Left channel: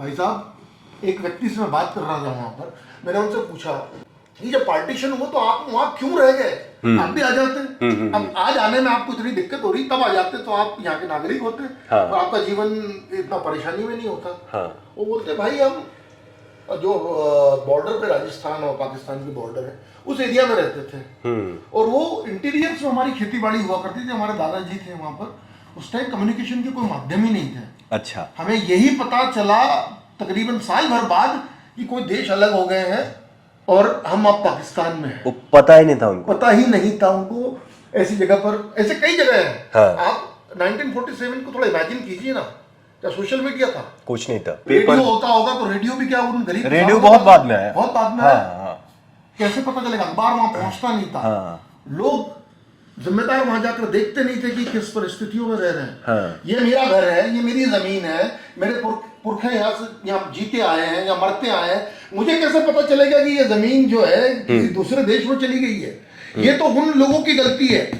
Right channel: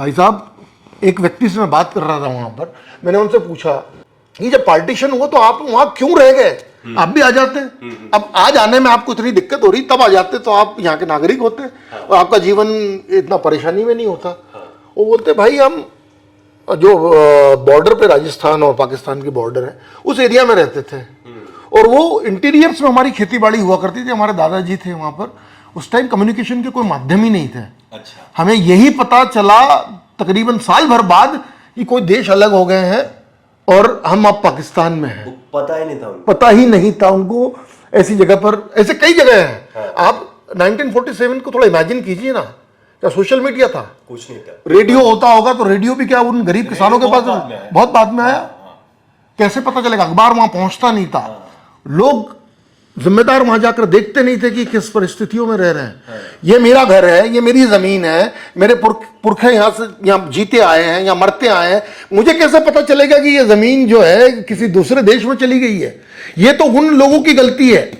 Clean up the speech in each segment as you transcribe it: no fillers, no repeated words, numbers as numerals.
भाई साहब, एक व्यक्ति से मैं बात कर रहा था वहां पर, मैंने उनसे पूछा ये जब पार्टीशन हुआ तो आप वहां क्यों रह गए, आप भी आ जाते। अब आज आने में आपको इतनी दिक्कत हो रही, तब आ जाते तो आप यहाँ के नागरिक होते। हाँ। और आपका जीवन इतना परेशानी में नहीं होता। हाँ। वो बोलते भाई हम जो बॉर्डर पे राजस्थान और पाकिस्तान की बॉर्डर है उस एरिया में रहते थे, और वो इंटीरियर्स में हमारी खेती बाड़ी हुआ करती थी, हमारे दादाजी थे वहां पर। उस टाइम कम्युनिकेशन के कोई माध्यम ही नहीं थे। अच्छा। हमें यही पता चला तकरीबन साल भर बाद कि कोई देश अलग हो गए हैं और हम अब पाकिस्तान में हैं। पता ही नहीं था उनको, पता ही नहीं था उनको। ऐसी जगह पर, ऐसे कई जगह हैं। हाँ। आप 1947 को थोड़ा इमेजिन कीजिए ना, क्या सोशल मीडिया था? कुछ नहीं था। रेडियो होता होगा तो रेडियो भी क्या उन गरीब किसानों के पास बहुत बाद में आया। हाँ। कैसे पता चलेगा? अखबार वहां पहुंचता नहीं था। हाँ। लोग जिम्मेदार वहां जाकर देखते नहीं थे कि किस परिस्थितियों में रह रहे हैं। हाँ। ये मेरा घर है, ये मेरी जमीन है, मेरे पुरखे यहाँ से यहाँ जीते आए हैं या मरते आए हैं, मुझे कैसे पता चलेगा कि ये जमीन जो है किसी दूसरे देश में चली गई है? ये तो उन लोगों की गलती है,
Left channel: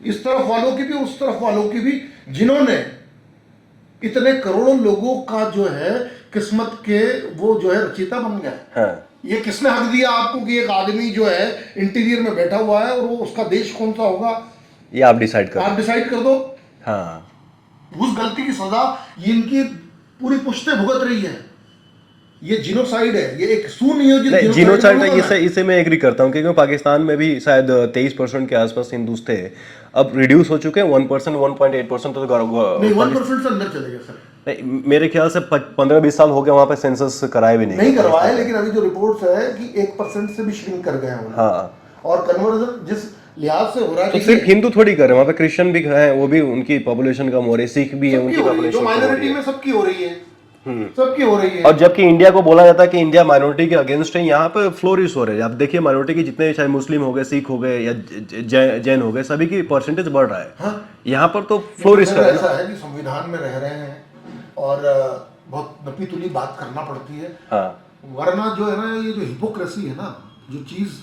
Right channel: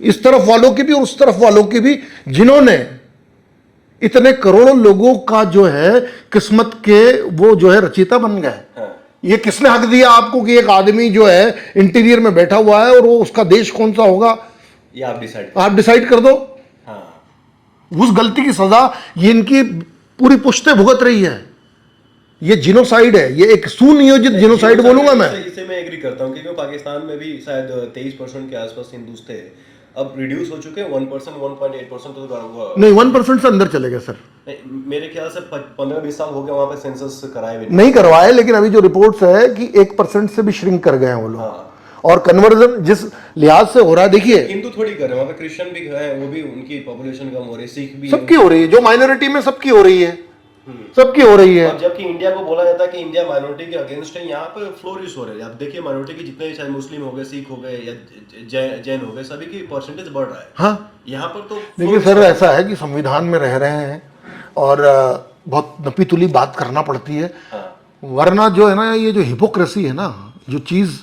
इस तरफ वालों की भी और उस तरफ वालों की भी, जिन्होंने इतने करोड़ों लोगों का जो है किस्मत के वो जो है रचयिता बन गए। हाँ। ये किसने हक दिया आपको कि एक आदमी जो है इंटीरियर में बैठा हुआ है और वो उसका देश कौन सा होगा ये आप डिसाइड कर दो। हाँ। उस गलती की सजा ये इनकी पूरी पुश्ते भुगत रही है। ये जिनोसाइड है, ये एक सुनियोजित जिनोसाइड बोलूंगा मैं। इसे मैं एग्री करता हूँ, क्योंकि पाकिस्तान में भी शायद 23% के आसपास हिंदूस थे, अब रिड्यूस हो चुके हैं 1%, 1.8% तो नहीं, 1% से अंदर चले गए सर। मेरे ख्याल से 15-20 साल हो गए वहां पे सेंसस कराए भी नहीं करवाए, लेकिन अभी जो रिपोर्ट्स है कि 1% से भी श्रिंक कर गए हैं वो लोग। हाँ। और कन्वर्जन जिस लिहाज से हो रहा है, देखिए हिंदू थोड़ी कर रहे हैं, वहां पे क्रिश्चियन भी हैं, वो भी उनकी पॉपुलेशन कम हो रही है, सिख भी सबकी हो रही है, जो माइनॉरिटी में सबकी हो रही है, सबकी हो रही है। और जबकि इंडिया को बोला जाता है कि इंडिया माइनॉरिटी के अगेंस्ट है, यहाँ पे फ्लोरिश हो रहे हैं। आप देखिए माइनॉरिटी के जितने चाहे मुस्लिम हो गए, सिख हो गए या जैन हो गए, सभी की परसेंटेज बढ़ रहा है। हाँ। यहाँ पर तो फ्लोरिश ऐसा है कि संविधान में रह रहे हैं और बहुत नपी तुली बात करना पड़ती है। हाँ। वरना जो है ना, ये जो हिपोक्रेसी है ना, जो चीज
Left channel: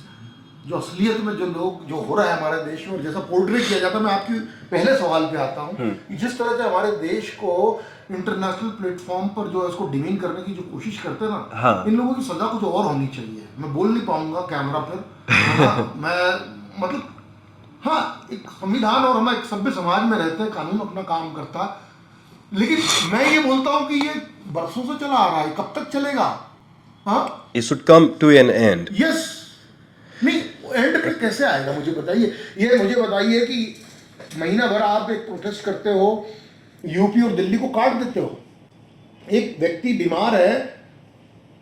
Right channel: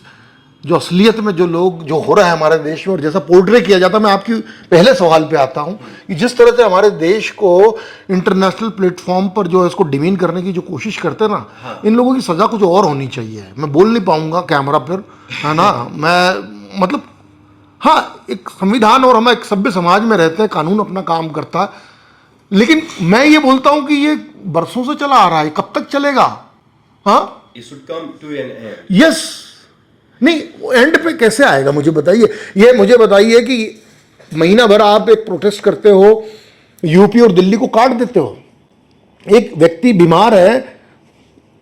जो असलियत में जो लोग जो हो रहा है हमारे देश में और जैसा पोर्ट्रे किया जाता है, मैं आपकी पहले सवाल पे आता हूं कि जिस तरह से हमारे देश को इंटरनेशनल प्लेटफॉर्म पर जो है इसको डिमीन करने की जो कोशिश करते हैं ना। हाँ। इन लोगों की सजा कुछ और होनी चाहिए। मैं बोल नहीं पाऊंगा कैमरा पर, है ना। मैं मतलब हाँ, एक संविधान और हम एक सभ्य समाज में रहते हैं, कानून अपना काम करता है, लेकिन मैं ये बोलता हूं कि ये बरसों से चला आ रहा है, कब तक चलेगा? हाँ, it should come to an end. Yes. नहीं, एंड पे कैसे आएगा मुझे बताइए। ये मुझे बताइए कि महीना भर आप एक प्रोटेस्ट करते हो, यूपी और दिल्ली को काट देते हो, एक व्यक्ति बीमार है,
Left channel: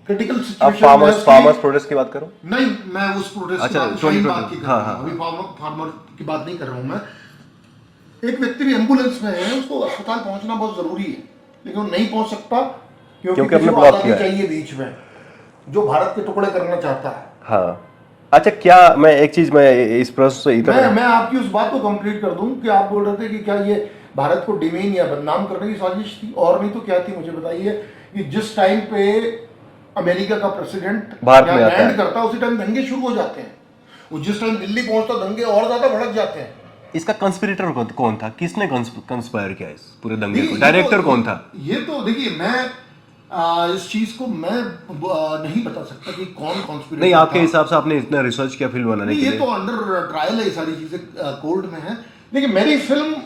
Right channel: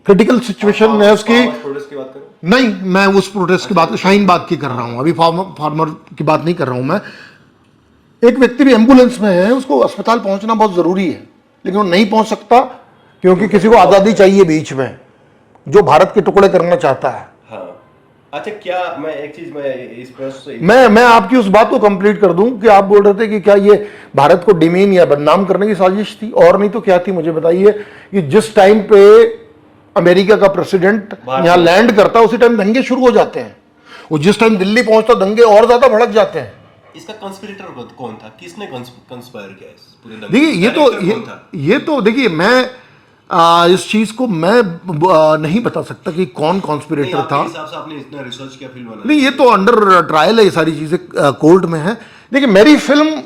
क्रिटिकल सिचुएशन में उसकी प्रोटेस्ट की बात करो। नहीं, मैं उस प्रोटेस्ट की बात, शाहीन बाग की कर रहा हूं, अभी फार्मर की बात नहीं कर रहा हूं मैं। एक व्यक्ति भी एम्बुलेंस में है, उसको अस्पताल पहुंचना बहुत जरूरी है, लेकिन वो नहीं पहुंच सकता क्योंकि किसी को आजादी चाहिए बीच में, जो भारत के टुकड़े करना चाहता है। हाँ। अच्छा, क्या मैं एक चीज मैं इस प्रश्न से मैं आपकी उस बात को कंप्लीट कर दूं कि आप बोल रहे थे कि क्या ये भारत को डिमीन या बदनाम करने की साजिश थी, और नहीं तो क्या थी? मुझे बताइए कि जिस टाइम पे अमेरिका का प्रेसिडेंट यहाँ लैंड करता, उसी टाइम दंगे शुरू हो जाते हैं। वो जिस टाइम दिल्ली पहुंचता, दंगे और ज्यादा भड़क जाते हैं। इसका कंस्पिरेटर कौन था? किसने कंस्पायर किया इस पूरे दंगे? डायरेक्टर कौन था? ये तो देखिए, मैं इस चीज को मैं नहीं बता सकता कि कौन कॉन्स्पिरेटर था। आपके हिसाब से आपने इतना रिसर्च किया फिल्म बनाने? नहीं, ये तो अंडर ट्रायल है, ये सारी चीजें कोर्ट में है। देखिए, मेरी फिल्म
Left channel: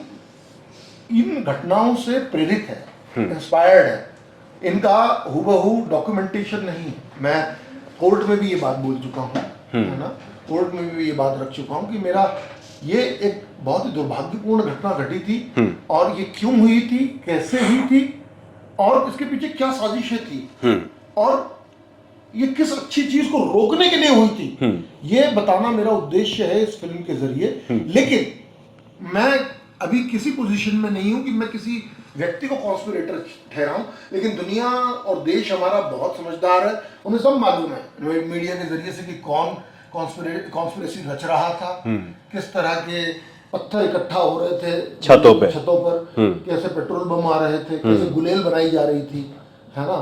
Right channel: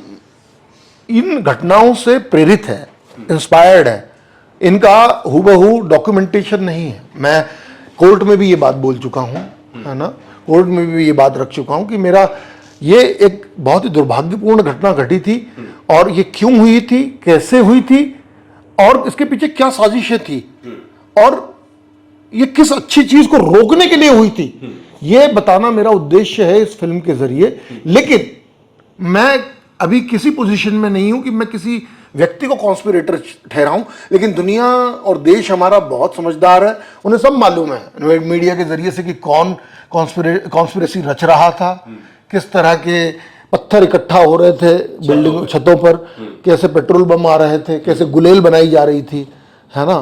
इन घटनाओं से प्रेरित है, इंस्पायर्ड है। इनका हूबहू डॉक्यूमेंटेशन नहीं है। मैं कोर्ट में भी ये बात बोल चुका हूँ, है ना, कोर्ट में भी ये बात रख चुका हूँ कि मेरा ये एक बहुत ही दुर्भाग्यपूर्ण घटना घटी थी, और ये क्यों हुई थी, कैसे हुई थी, और इसके पीछे क्या साजिशें थी, और ये किस अच्छी चीज को रोकने के लिए हुई थी, ये बताना मेरा उद्देश्य है इस फिल्म के जरिए। लेकिन मैं अभी किसी पोजीशन में नहीं हूं कि मैं किसी व्यक्ति को कॉन्स्पिरेटर ठहराऊं, लेकिन दुनिया और देश हमारा बहुत समझदार है, उन्हें सब मालूम है मीडिया के जरिए से कि कौन कॉन्स्पिरेसी रच रहा था, किस तरह के पत्थर इकट्ठा हो रहे थे छतों पर, कैसे पेट्रोल बम आ रहे थे, कैसे गुलेल बनाई जा रही थी, है ना,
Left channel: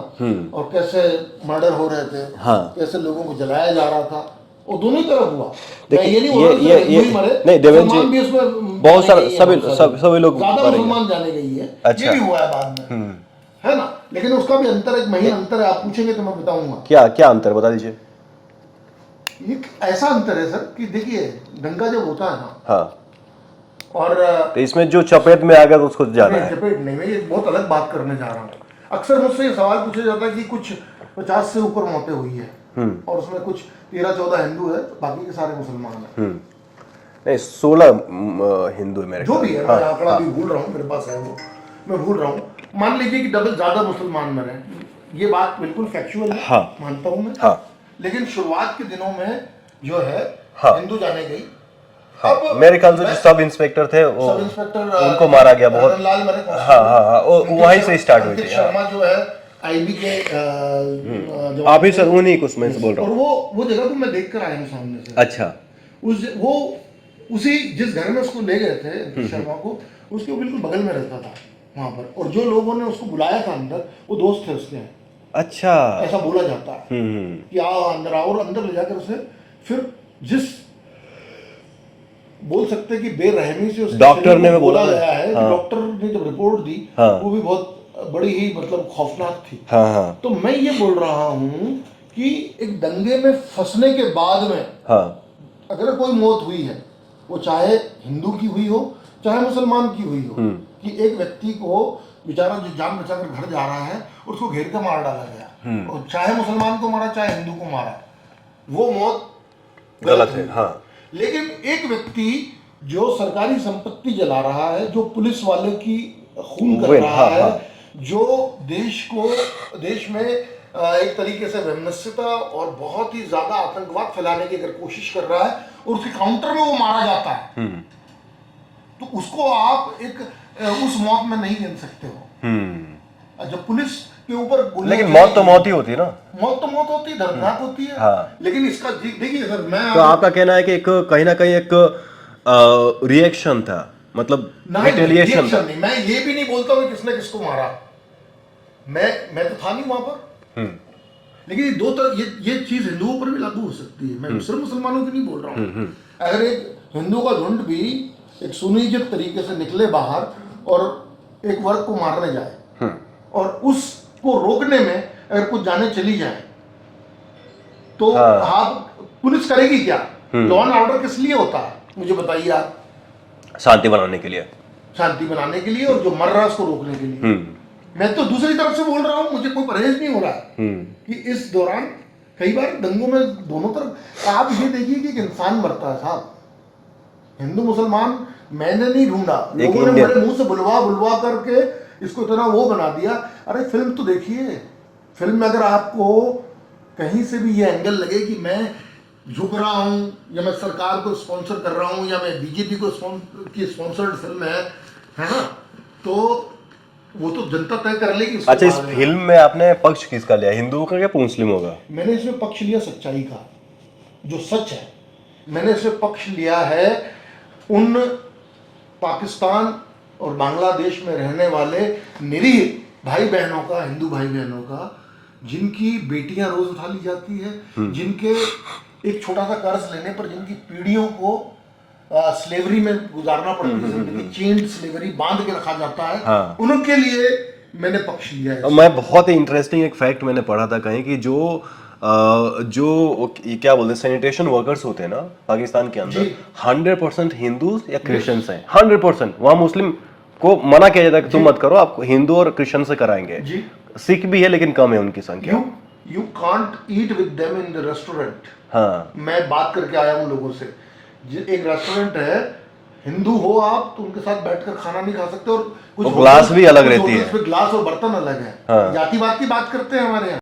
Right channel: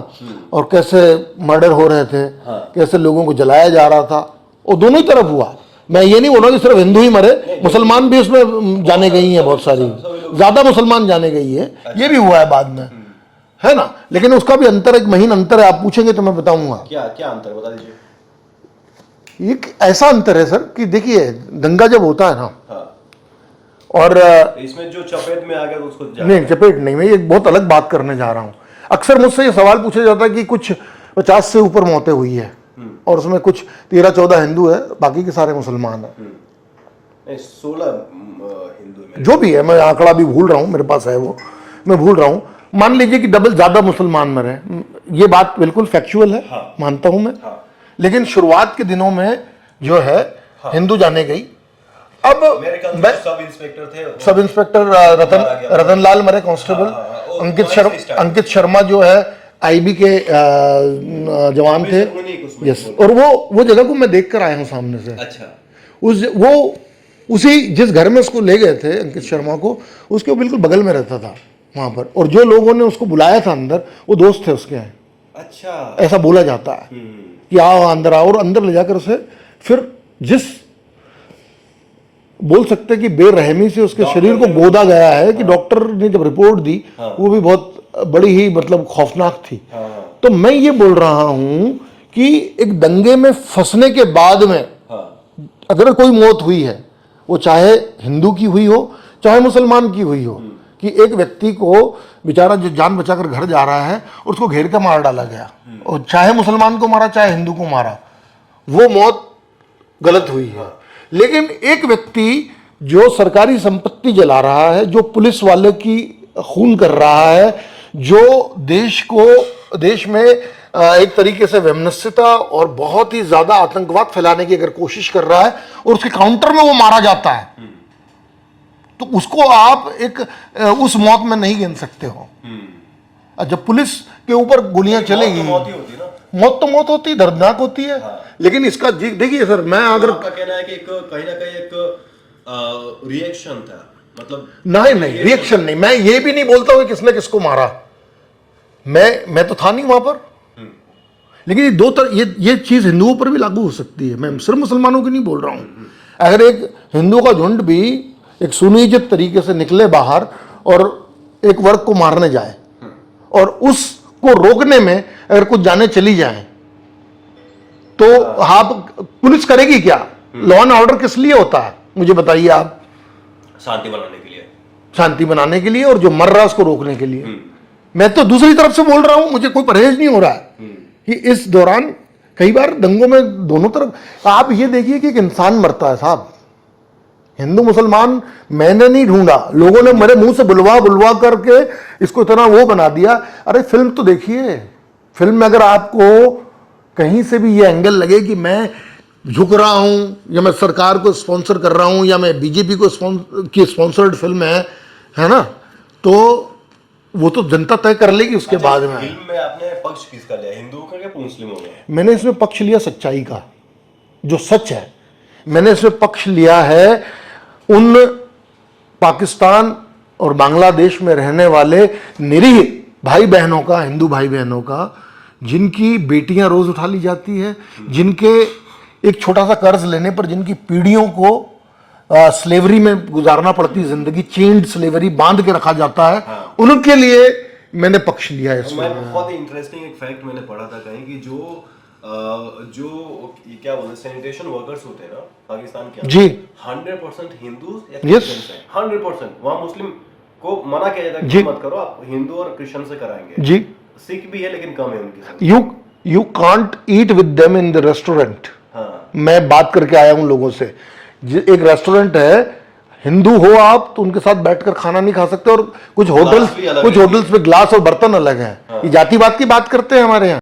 और कैसे मर्डर हो रहे थे। हाँ। कैसे लोगों को जलाया जा रहा था। वो दोनों ही तरफ हुआ। मैं ये नहीं बोल रहा कि सिर्फ हिंदू ही मरे, मुसलमान भी उसमें जाने गई है, बहुत सारे, ज्यादा मुसलमान जाने गई है, ये भी हुआ है बाद में, है ना, लेकिन उसका भी अंतर, एक महीन अंतर है। आप पूछेंगे तो मैं बताऊंगा। क्या क्या अंतर बता दीजिए। एक ऐसा अंतर है सर कि देखिए, दंगा जब होता है ना, हाँ, और तो इसमें जो चपेट में आ गया तो उसको जाना नहीं, चपेट नहीं, मैं एक बहुत अलग बात करने जा रहा हूँ। अक्सर मुझसे ये सवाल पूछा जाता है कि कुछ 50 से ऊपर मौतें हुई है और उसमें कुछ 13-14 हिंदू है, बाकी के सारे मुसलमान हैं। नहीं, 16 हिंदू है मेरे जो भी है, मैं आंकड़ा भी भूल रहा हूँ, मेरे पास है वो, मैं भूल रहा हूँ। मान लीजिए कि डबल ज्यादा मुसलमान मरे, ये बात बिल्कुल फैक्चुअल है। हाँ। मानता हूं मैं। हाँ। लेकिन शुरुआत के दिनों में जो है, हाँ। हिंदू जाने गई। अब मेरे ख्याल से सब इंस्पेक्टर थे, सब इंस्पेक्टर मारा गया, रतनलाल मरे, कांस्टेबल। अंकित शर्मा जो है आईबी के जवान थे, और वो जगह को मैं देख कर आया हूँ सामने से। अच्छा। उसी जिस घर में उसको ले गए थे अंकित शर्मा को, उसके बिल्कुल बगल में रहता था वहां पर, और जो लोगों ने उसको बुलाया था अंदर, वो दोस्त थे उसके। अच्छा, ऐसा बोला जाता है कि आओ अंदर आओ, और अंदर ले जाकर उसे फिर जिस बोल सकते हैं कि बेरहमी से उसके शरीर को गोदा गया है कि डॉक्टर ने जब रिपोर्ट दी, वो भी बहुत बड़ी ही मतलब खौफनाक थी। तो मैं ये बोल रहा हूं कि एक दंगे में फंसने के बाद में अगर कोई मौत हुई है, वो चाहे हिंदू की हुई हो चाहे मुसलमान की हुई हो, कि एक व्यक्ति को बेचारा जो जान बचाकर घर जा रहा है और उसको घेर कर मार डाला गया, और चाहे मुसलमान को मारा चाहे हिंदू को मारा, वो मौत गलत हुई है। लेकिन एक व्यक्ति जो सरकारी संपत्ति जला रहा है, जो पुलिस वाले की खून कर रहा है, जो देश में एक तरीके से वैमनस्यता और बहुत ही ज्यादा आतंकवाद फैलाने की अगर कोशिश कर रहा है, और उसके काउंटर में वो मारा जाता है, तो उसको आप एक उस मौत में नहीं गिन सकते हो। जब पुलिस के ऊपर गोलियां चलेंगी, मौत तो मौत ही होती है ना। मौत तो मौत होती है, दर्दनाक होती है। लेकिन इसका देखिए सर, मैं तो आपका कहना है कि कहीं ना कहीं एक रिएक्शन था, मतलब नहीं, रिएक्शन नहीं, मैं ये भी नहीं बोलता हूँ कि किसने किसको मारा, मैं तो था नहीं वहां पर। लेकिन ये दो तरह, ये चीज हिंदुओं पर भी लागू हो सकती है, मैं सिर्फ मुसलमानों की नहीं बोल रहा हूँ। अगर एक हिंदू का झुंड भी एक सुनियोजित तरीके से निकले बाहर और एक वर्ग को मारने जाए, और उसको रोकने में अगर कुछ जाने चली जाए, तो आप पुलिस करेगी क्या? लॉ एंड ऑर्डर किस लिए होता है, मुझे बताइए आप। शांति बनाने के लिए, शांति बनाने के लिए, और जो मर रहा है उसको रोकने के लिए। मैं तो दूसरी तरफ से बोल रहा हूं, मुझे कोई परहेज नहीं हो रहा है कि इस दौरान कई बार दंगों में दोनों तरफ आप ये देखिए कि एक इंसान मरता है साहब। हिंदू मुसलमान मैंने नहीं ढूंढा, लोगों ने मेरे मुंह से बुलवा बुलवा करके इसको इतना वो बना दिया। अरे फिल्म तो देखिए, फिल्म में अगर आपको कहीं से भी ये एंगल लगे कि मैं झुक रहा हूं, या मैं सरकार को स्पॉन्सर कर रहा हूं, या मैं बीजेपी को की स्पॉन्सर्ड फिल्म है ना, तो वो तो जनता तय कर लेगी उसके बाद में। फिल्म में आपने पक्ष किसका लिया, हिंदुओं का या मुस्लिमों का? मैंने इसमें पक्ष लिया सच्चाई का, जो सच है। मैंने इसमें पक्ष लिया है उन पाकिस्तान और बांग्लादेश में रहने वाले निरीह भाई बहनों का, हिंदू भाई बहनों का, जिनकी बेटियां रोज उठा ली जाती है, जिनके एक छोटा सा कर्ज लेने पर जिनकी पीढ़ियों को स्लेवरी में गुजारना पड़ती, जिंदगी चेन्ड स्लेवरी, बांध के रखा जाता है, उनके लिए मैंने पक्ष लिया है। मैं बहुत ही इंटरेस्टिंग एक फैक्ट मैंने पढ़ा था कहीं कि जो क्या बोलते हैं सैनिटेशन वर्कर्स होते हैं ना पाकिस्तान के अंदर, 100% हिंदू या क्रिश्चियंस हैं, 100%। वहां मुस्लिम को मना किया जाता है कि मत करो, आप हिंदू और क्रिश्चियन से कराएंगे जी। सिख भी है लेकिन कम है उनकी संख्या। You can't eat with them in the restaurant. मैं बात करके आया हूं लोगों से, एक रेस्टोरेंट है, हिंदू हो आप तो उनके साथ बैठकर खाना नहीं खा सकते, और कुछ होटल्स में ग्लास और बर्तन अलग है। जातिवाद की बात करते हैं हमारे यहाँ।